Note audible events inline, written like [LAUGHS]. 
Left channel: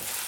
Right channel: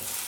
Thank [LAUGHS] you.